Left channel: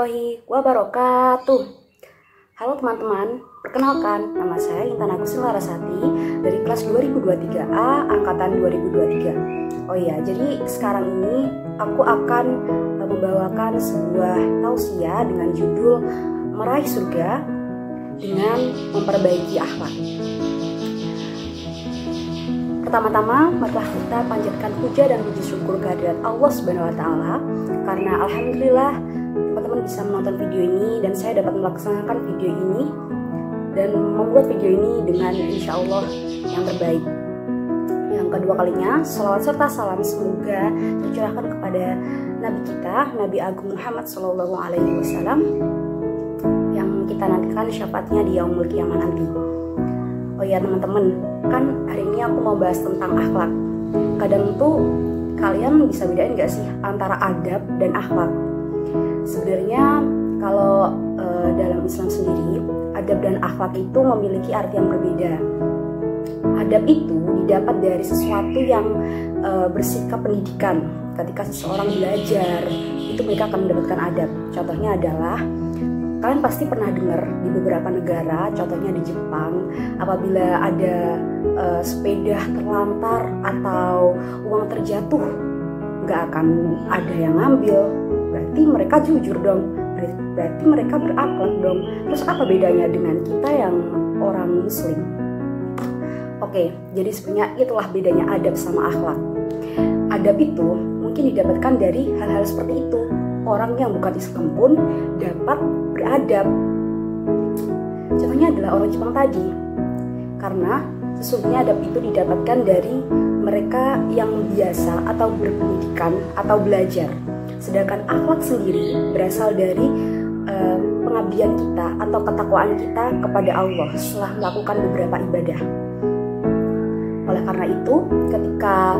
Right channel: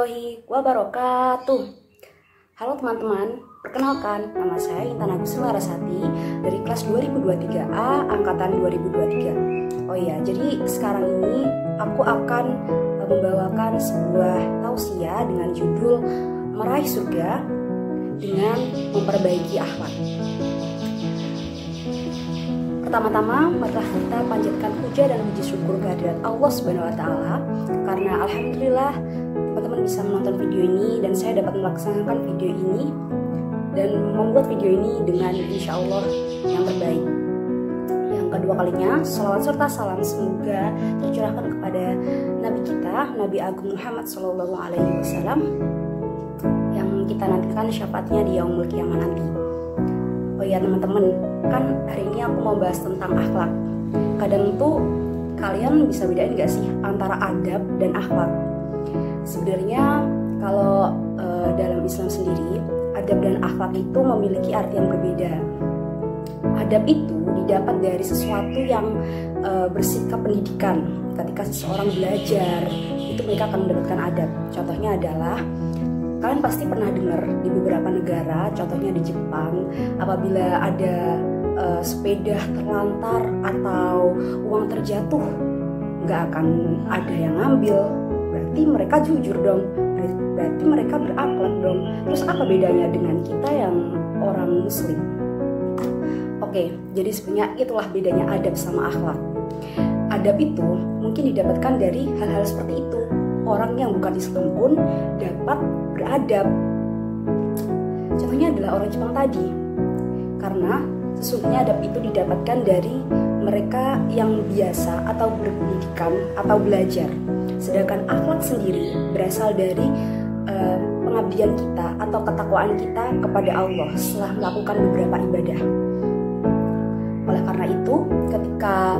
warahmatullahi wabarakatuh. Halo teman-teman, perkenalkan nama saya Intan Agustin Larasati dari kelas 2023A angkatan 2023. Oh iya, jadi sekarang ini aku akan membawakan sebuah tausiah dengan judul Meraih Surga dengan Memperbaiki Akhlak. Pertama-tama, marilah kita panjatkan puja dan puji syukur kehadirat Allah Subhanahu wa Ta'ala, karena alhamdulillah teman-teman bisa menonton video ini dan saya dapat melaksanakan video ini dan membuat video ini dengan insya Allah yang terbaik. Yang kedua kalinya, salawat serta salam semoga tercurahkan kepada Nabi kita, Nabi Agung Muhammad SAW, yang kita nantikan syafaatnya di yaumul qiyamah nanti. Oh iya teman-teman, kan hari ini aku mau bahas tentang akhlak. Kadang tuh kalian bisa bedain gak sih antara adab dan akhlak? Sebenarnya kalau dalam Islam sendiri, adab dan akhlak itu memiliki arti yang berbeda. Adab itu didapat dari sesuatu yang bersikap pendidikan. Ketika seseorang belajar, itu mereka akan mendapatkan adab. Contohnya adalah, kalian pasti pernah dengar di beberapa negara, contohnya di Jepang, apabila ada sepeda terlantar atau uang terjatuh, nggak akan ada yang ngambil. Berarti mereka jujur dong, berarti mereka berakhlak dong. Terus apa bedanya dengan kita yang orang muslim? Oke, jadi sebenarnya itulah bedanya adab sama akhlak. Adab itu mungkin didapatkan dari hal-hal seperti itu. Orang yang bukan Islam pun dapat beradab. Contohnya adalah orang Jepang tadi. Karena sesungguhnya adab itu didapatkan dari mereka yang biasa atau berpendidikan atau belajar. Sedangkan akhlak sendiri berasal dari pengabdian kita atau ketakwaan kita kepada Allah setelah melakukan beberapa ibadah. Oleh karena itu, ketika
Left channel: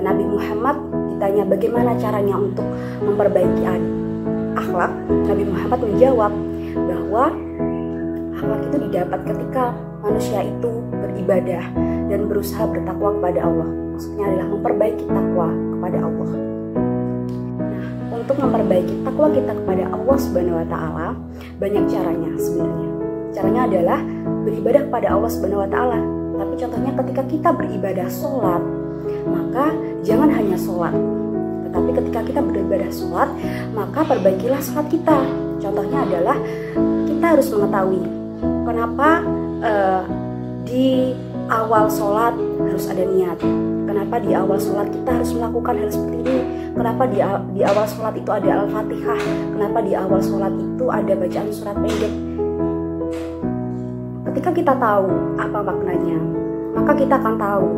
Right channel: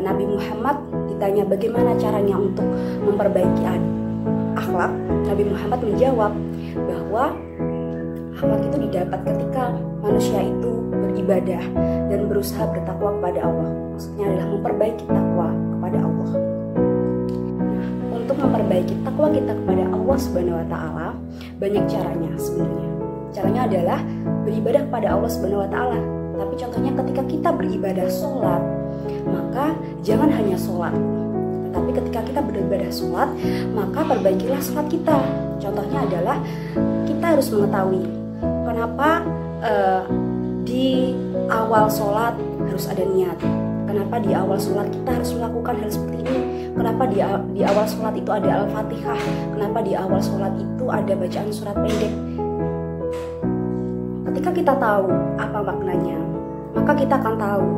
Nabi Muhammad ditanya bagaimana caranya untuk memperbaiki akhlak, Nabi Muhammad menjawab bahwa akhlak itu didapat ketika manusia itu beribadah dan berusaha bertakwa kepada Allah. Maksudnya adalah memperbaiki takwa kepada Allah. Nah, untuk memperbaiki takwa kita kepada Allah Subhanahu wa Ta'ala, banyak caranya sebenarnya. Caranya adalah beribadah kepada Allah Subhanahu wa Ta'ala. Tapi contohnya ketika kita beribadah sholat, maka jangan hanya sholat, tetapi ketika kita beribadah sholat, maka perbaikilah sholat kita. Contohnya adalah kita harus mengetahui kenapa di awal sholat harus ada niat. Kenapa di awal sholat kita harus melakukan hal seperti ini? Kenapa di awal sholat itu ada Al-Fatihah? Kenapa di awal sholat itu ada bacaan surat pendek? Ketika kita tahu apa maknanya, maka kita akan tahu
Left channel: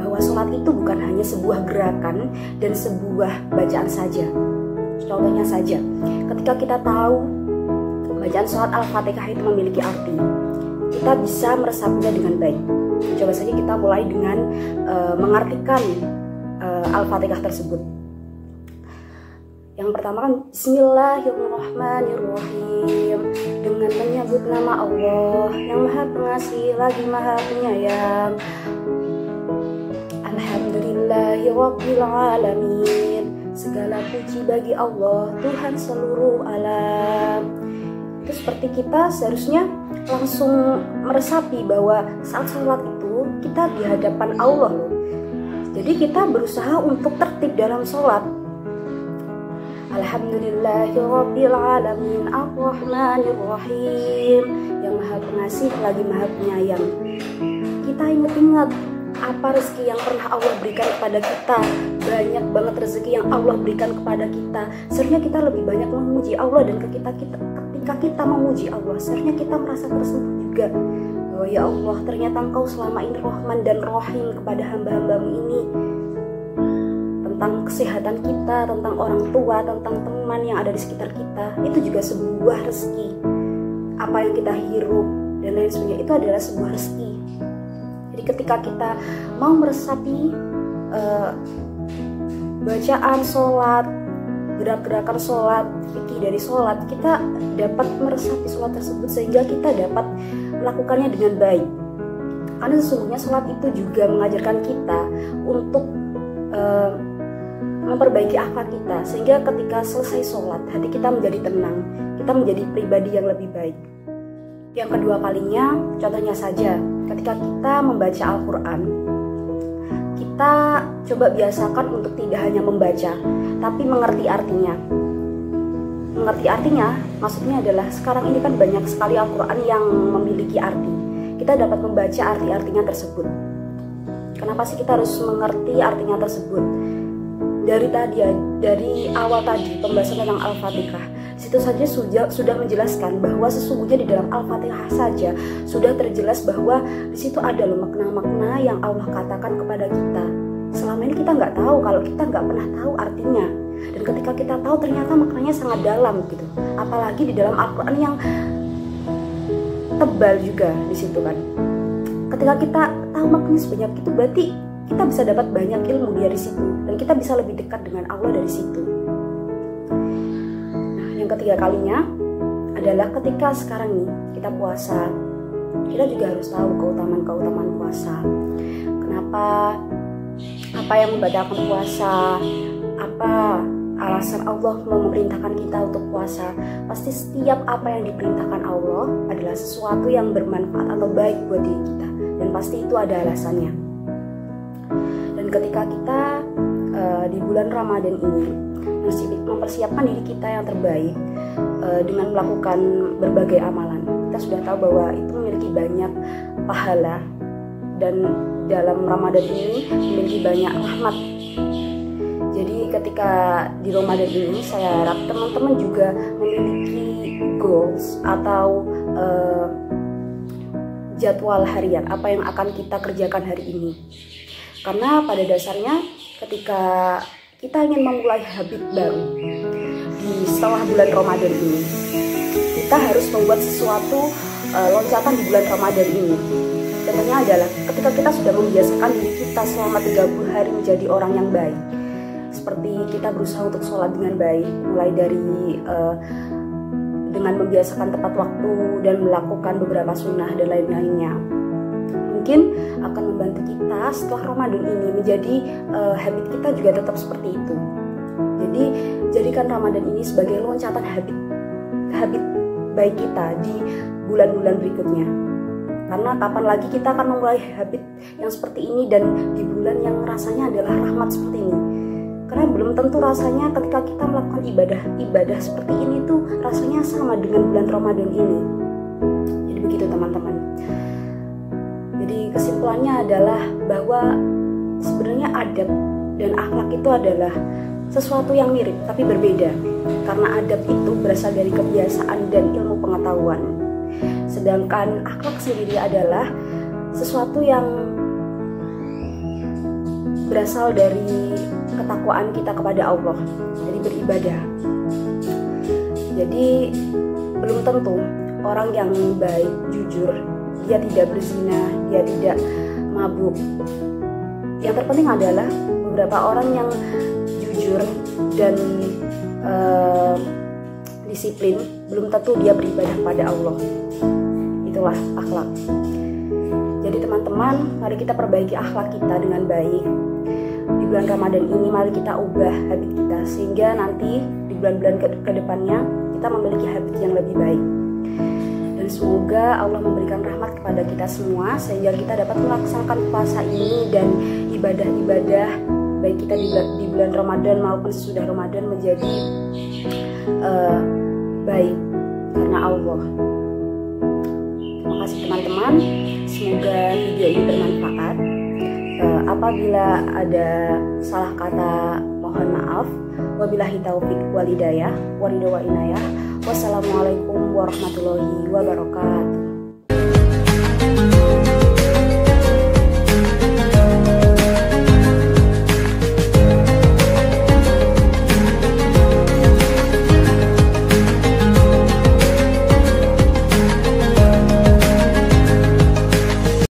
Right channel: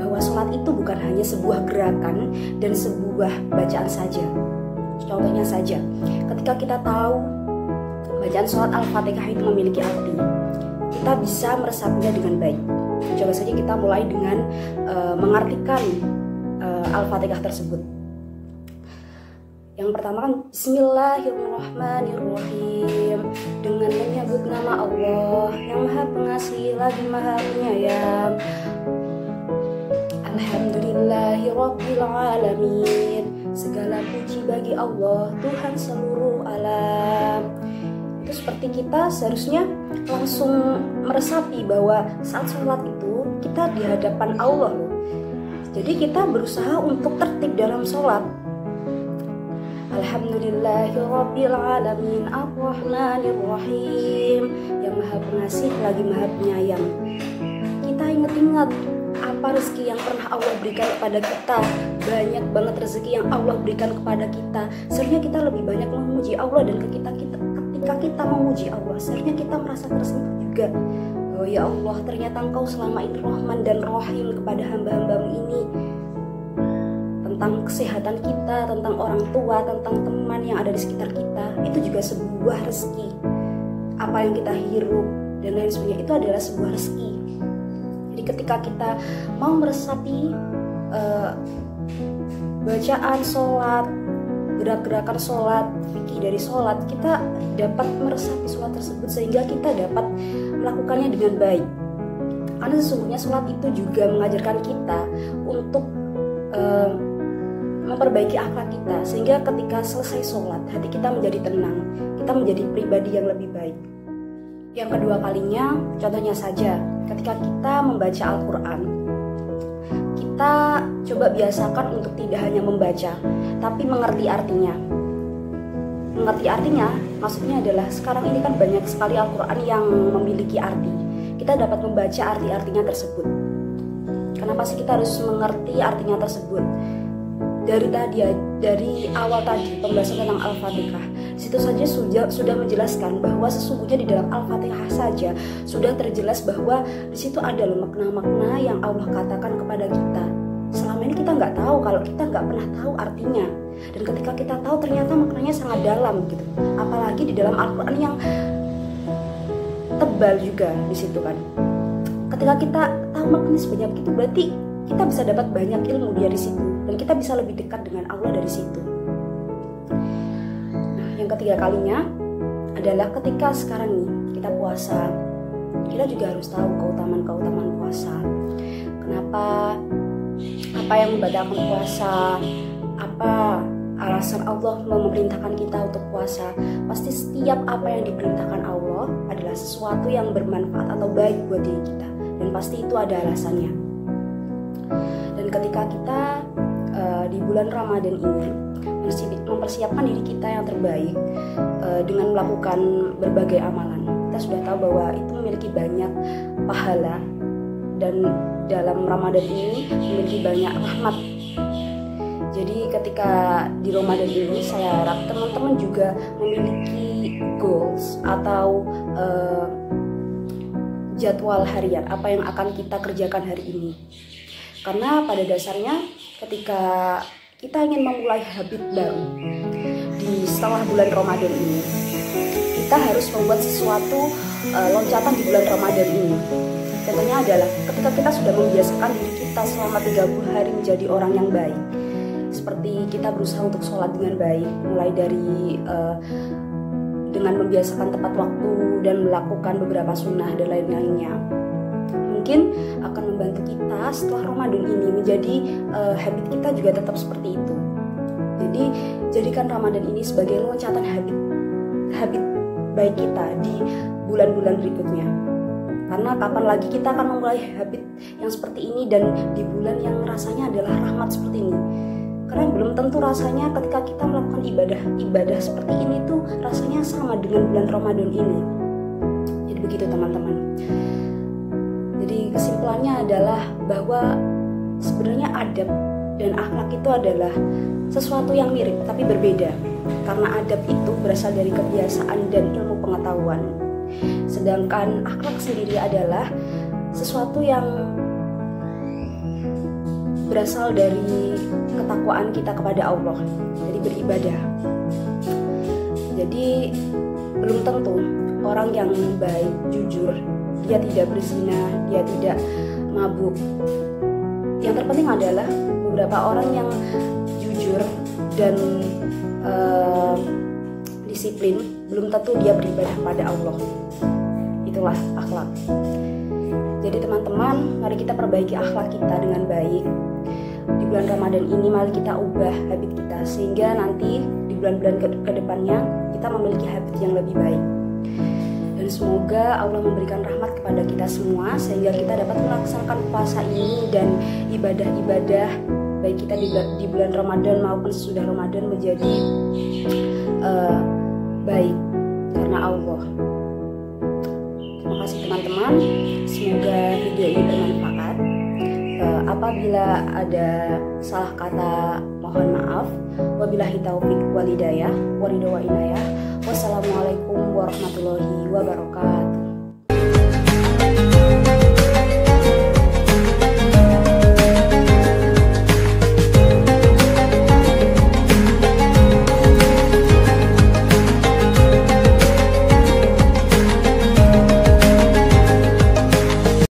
bahwa sholat itu bukan hanya sebuah gerakan dan sebuah bacaan saja. Contohnya saja, ketika kita tahu bacaan sholat Al-Fatihah itu memiliki arti, kita bisa meresapinya dengan baik. Coba saja kita mulai dengan mengartikan Al-Fatihah tersebut. Yang pertama kan Bismillahirrahmanirrahim, dengan menyebut nama Allah yang Maha Pengasih lagi Maha Penyayang. Alhamdulillahirabbil alamin, segala puji bagi Allah Tuhan seluruh alam. Itu seperti kita seharusnya langsung meresapi bahwa saat sholat itu kita di hadapan Allah loh. Jadi kita berusaha untuk tertib dalam sholat. Alhamdulillahirabbil alamin arrahmanirrahim, yang Maha Pengasih lagi Maha Penyayang. Kita ingat-ingat apa rezeki yang pernah Allah berikan kepada kita. Banyak banget rezeki yang Allah berikan kepada kita. Seharusnya kita lebih banyak memuji Allah, dan ketika kita memuji Allah, seharusnya kita merasa tersentuh juga. Oh ya Allah, ternyata Engkau selama ini Rahman dan Rahim kepada hamba-hambamu ini. Tentang kesehatan kita, tentang orang tua, tentang teman yang ada di sekitar kita, itu juga sebuah rezeki. Apa yang kita hirup dan lain sebagainya itu adalah sebuah rezeki. Jadi ketika kita mau meresapi bacaan sholat, gerak-gerakan sholat, fikih dari sholat, kita dapat meresapi sholat tersebut sehingga kita dapat melakukannya dengan baik. Karena sesungguhnya sholat itu juga mengajarkan kita untuk memperbaiki akhlak kita, sehingga ketika selesai sholat hati kita menjadi tenang, kita menjadi pribadi yang lebih baik. Yang kedua kalinya, contohnya saja ketika kita membaca Al-Quran, kita coba biasakan untuk tidak hanya membaca, tapi mengerti artinya. Mengerti artinya maksudnya adalah sekarang ini kan banyak sekali Al-Quran yang memiliki arti. Kita dapat membaca arti-artinya tersebut. Kenapa sih kita harus mengerti artinya tersebut? Dari awal tadi pembahasan tentang Al-Fatihah, situ saja sudah menjelaskan bahwa sesungguhnya di dalam Al-Fatihah saja sudah terjelas bahwa di situ ada loh makna-makna yang Allah katakan kepada kita. Selama ini kita nggak tahu, kalau kita nggak pernah tahu artinya. Dan ketika kita tahu ternyata maknanya sangat dalam gitu. Apalagi di dalam Al-Quran yang tebal juga di situ kan. Ketika kita tahu maknanya sebanyak itu, berarti kita bisa dapat banyak ilmu dari situ, dan kita bisa lebih dekat dengan Allah dari situ. Nah, yang ketiga kalinya adalah ketika sekarang nih kita puasa, kita juga harus tahu keutamaan puasa. Kenapa? Apa yang membatalkan puasa? Apa alasan Allah memerintahkan kita untuk puasa? Pasti setiap apa yang diperintahkan Allah adalah sesuatu yang bermanfaat atau baik buat diri kita, dan pasti itu ada alasannya. Dan ketika kita di bulan Ramadan ini mempersiapkan diri kita yang terbaik dengan melakukan berbagai amalan, kita sudah tahu bahwa itu memiliki banyak pahala, dan dalam Ramadan ini memiliki banyak rahmat. Jadi ketika di Ramadan ini saya harap teman-teman juga memiliki goals atau jadwal harian apa yang akan kita kerjakan hari ini. Karena pada dasarnya ketika kita ingin memulai habit baru di setelah bulan Ramadan ini, kita harus membuat sesuatu loncatan di bulan Ramadan ini. Contohnya adalah ketika kita sudah membiasakan diri kita selama 30 hari menjadi orang yang baik. Seperti kita berusaha untuk sholat dengan baik, mulai dari dengan membiasakan tepat waktu dan melakukan beberapa sunnah dan lain-lainnya. Mungkin akan membantu kita setelah Ramadan ini menjadi habit kita juga tetap seperti itu. Jadi jadikan Ramadan ini sebagai loncatan habit baik kita di bulan-bulan berikutnya. Karena kapan lagi kita akan memulai habit yang seperti ini dan di bulan yang rasanya adalah rahmat seperti ini. Karena belum tentu rasanya ketika kita melakukan ibadah seperti ini tuh rasanya sama dengan bulan Ramadan ini. Jadi begitu teman-teman. Jadi kesimpulannya adalah bahwa sebenarnya adab dan akhlak itu adalah sesuatu yang mirip tapi berbeda. Karena adab itu berasal dari kebiasaan dan ilmu pengetahuan. Sedangkan akhlak sendiri adalah sesuatu yang berasal dari ketakwaan kita kepada Allah, dari beribadah. Jadi belum tentu orang yang baik, jujur, dia tidak berzina, dia tidak mabuk. Yang terpenting adalah beberapa orang yang jujur dan disiplin, belum tentu dia beribadah pada Allah. Itulah akhlak. Jadi teman-teman, mari kita perbaiki akhlak kita dengan baik. Di bulan Ramadan ini mari kita ubah habit kita, sehingga nanti di bulan-bulan ke depannya kita memiliki habit yang lebih baik. Dan semoga Allah memberikan rahmat kepada kita semua, sehingga kita dapat melaksanakan puasa ini dan ibadah-ibadah baik kita di bulan Ramadan maupun sesudah Ramadan menjadi baik karena Allah. Terima kasih teman-teman, semoga video ini bermanfaat. Apabila ada salah kata mohon maaf. Wabillahi taufik walhidayah, waridho wa inayah. Wassalamualaikum warahmatullahi wabarakatuh.